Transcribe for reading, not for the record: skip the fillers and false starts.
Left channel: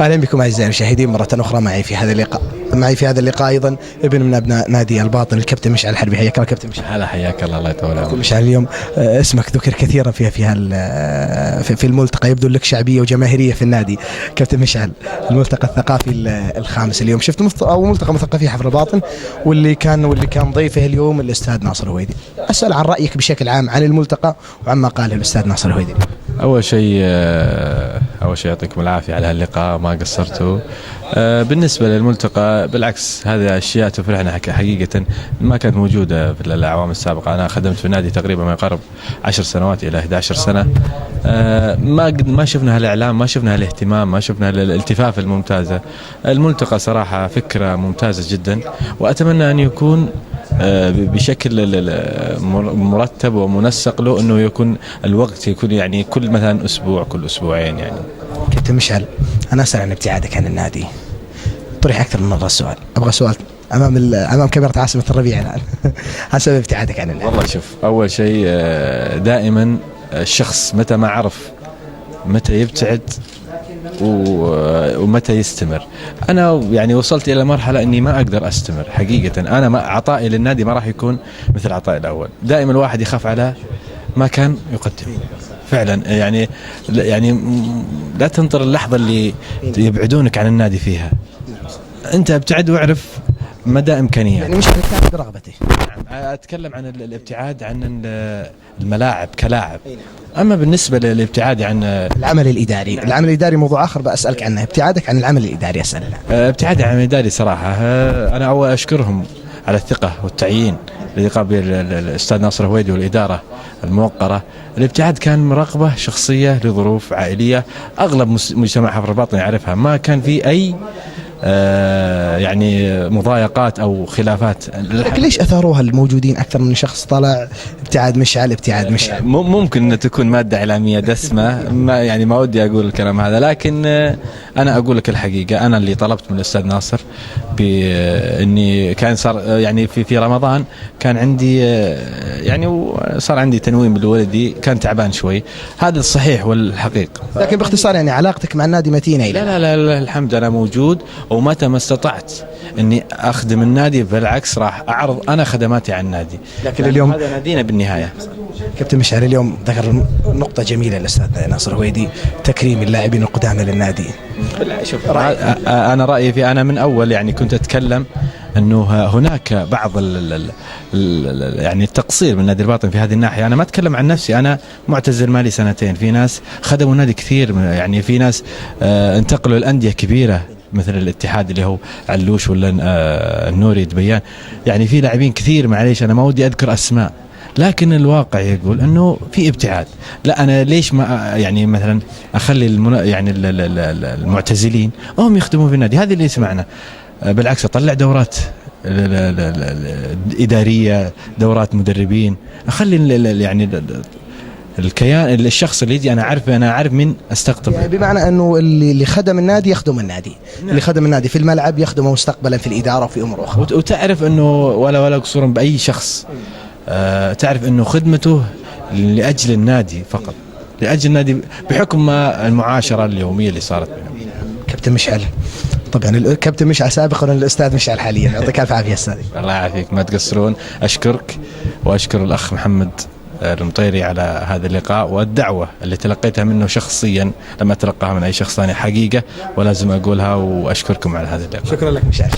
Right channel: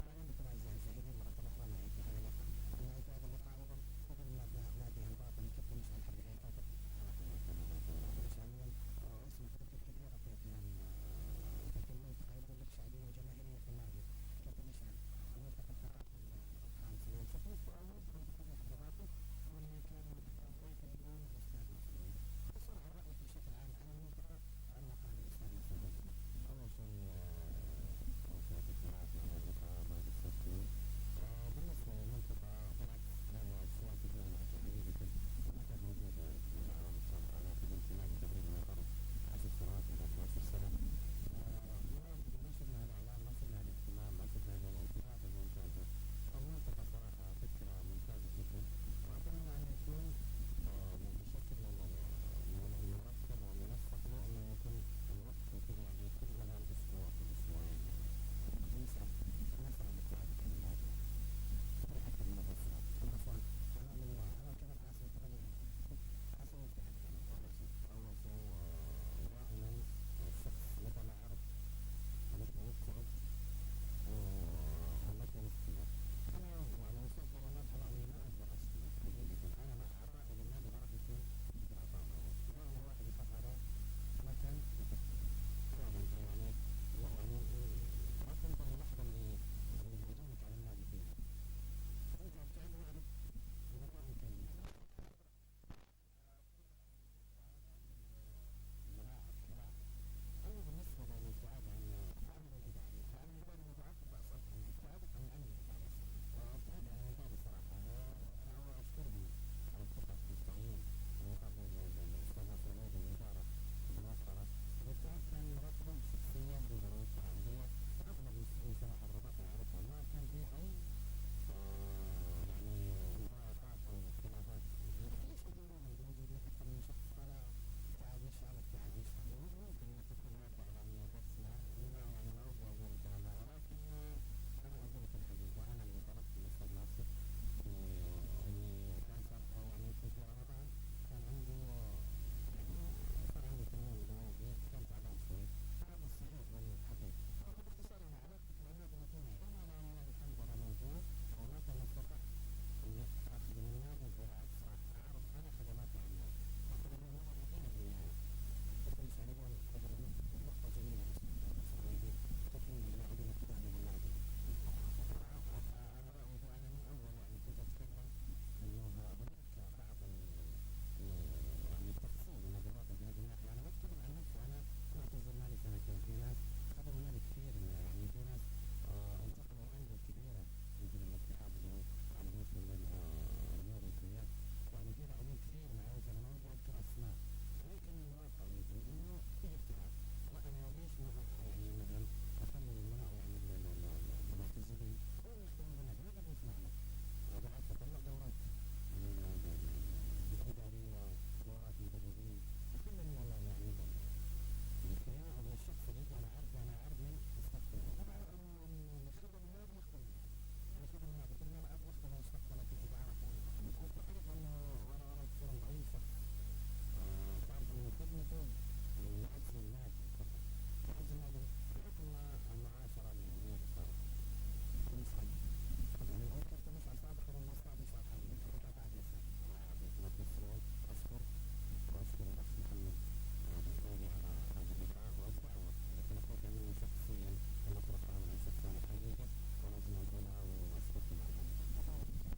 اهلا بكم اعزائي المشاهدين مره اخرى. معي في هذا اللقاء ايضا ابن من ابناء نادي الباطن الكابتن مشعل الحربي. حياك الله كابتن مشعل. هلا حياك الله، الله يطول عمرك. مشعل اليوم اسمك ذكر كثيرا في الملتقى، يبدو لك شعبيه وجماهيريه في النادي. كابتن مشعل، الملتقى الثقافي الخامس اليوم، شفت او ملتقى مثقفي حفر الباطن، واللي كان ضيفه اليوم الاستاذ ناصر الهويدي. اسال عن رايك بشكل عام عن الملتقى وعما قاله الاستاذ ناصر الهويدي. اول شيء يعطيكم العافيه على هاللقاء، ما قصرتوا. بالنسبه للملتقى بالعكس، هذه اشياء تفرحنا حقيقه، ما كانت موجوده في الاعوام السابقه. انا خدمت في النادي تقريبا ما يقارب 10 سنوات الى 11 سنه. ما شفنا هالاعلام، ما شفنا هالاهتمام، ما شفنا الالتفاف الممتازه. الملتقى صراحه فكره ممتازه جدا، واتمنى ان يكون بشكل مرتب ومنسق له، انه يكون الوقت يكون يعني كل مثلا اسبوع، كل اسبوعين يعني. كابتن مشعل، انا اسال عن ابتعادك عن النادي. طرح اكثر من مره السؤال، ابغى سؤال امام كاميرا عاصمه الربيع الان. حسب ابتعادك عن النادي. والله شوف، اول شيء دائما الشخص متى ما عرف متى يبتعد ومتى يستمر. انا يعني وصلت الى مرحله اني ما اقدر استمر حقيقه. انا ما عطائي للنادي ما راح يكون مثل عطائي الاول. دائما الواحد يخاف على ما كان يقدم فعلا. يعني لا تنطر اللحظه اللي يبعدونك عن النادي فيها. انت ابتعد واعرف مدى امكانياتك. يعني مش ابتعد برغبتي. اتكلم عن الابتعاد عن الملاعب كلاعب. اما بالنسبه للابتعاد عن العمل الاداري موضوع اخر بسالك عنه. ابتعادك عن العمل الاداري اسال عنه. ابتعادي عن العمل الاداري صراحه، انا اول اشكرهم على الثقه والتعيين الذي قام به الاستاذ ناصر الهويدي والاداره الموقره. الابتعاد كان رغبه شخصيه لظروف عائليه، اغلب مجتمع حفر الباطن يعرفها. ما كان في اي يعني مضايقات او خلافات. لكن ليش اثاروها الموجودين اكثر من شخص طلع ابتعاد مشعل؟ ممكن ان تكون ماده اعلاميه دسمه، ما ودي اقول الكلام هذا، لكن انا اقول لك الحقيقه. انا اللي طلبت من الاستاذ ناصر باني كان صار يعني في رمضان كان عندي يعني صار عندي تنويم بالولدي، كان تعبان شوي. هذا الصحيح والحقيقه. لكن باختصار يعني علاقتك مع النادي متينه الى لا الحمد انا موجود، ومتى ما استطعت اني اخدم النادي بالعكس راح اعرض انا خدماتي على النادي. لكن اليوم هذا نادينا بالنهايه. كابتن مشعل، اليوم ذكر نقطه جميله الاستاذ ناصر الهويدي، تكريم اللاعبين القدامى للنادي. شوف انا رايي في، انا من اول يعني كنت اتكلم انه هناك بعض يعني التقصير من نادي الباطن في هذه الناحيه. انا ما اتكلم عن نفسي، انا معتزل مالي سنتين. في ناس خدموا النادي كثير، يعني في ناس انتقلوا الانديه كبيره مثل الاتحاد اللي هو علوش ولا النوري دبيان. يعني في لاعبين كثير، معليش انا ما ودي اذكر اسماء، لكن الواقع يقول انه في ابتعاد. لا انا ليش ما يعني مثلا اخلي يعني المعتزلين هم يخدمون في النادي؟ هذه اللي سمعنا. بالعكس اطلع دورات اداريه، دورات مدربين، اخلي يعني الكيان الشخص اللي يجي انا عارف من استقطب. يعني بمعنى انه اللي خدم النادي يخدم النادي. نعم. اللي خدم النادي في الملعب يخدمه مستقبلا في الاداره وفي امور اخرى. وتعرف انه ولا قصورا باي شخص، تعرف انه خدمته لاجل النادي فقط، لاجل النادي بحكم ما المعاشره اليوميه اللي صارت بينهم. كابتن مشعل، طبعا الكابتن مشعل سابقا والاستاذ مشعل حاليا، يعطيك الف عافيه استاذ. الله يعافيك، ما تقصرون. اشكرك واشكر الاخ محمد المطيري على هذا اللقاء والدعوة اللي تلقيتها منه شخصيا، لما تلقاها من أي شخص ثاني حقيقة ولازم أقولها. وأشكركم على هذا اللقاء. شكرا لك مشعل.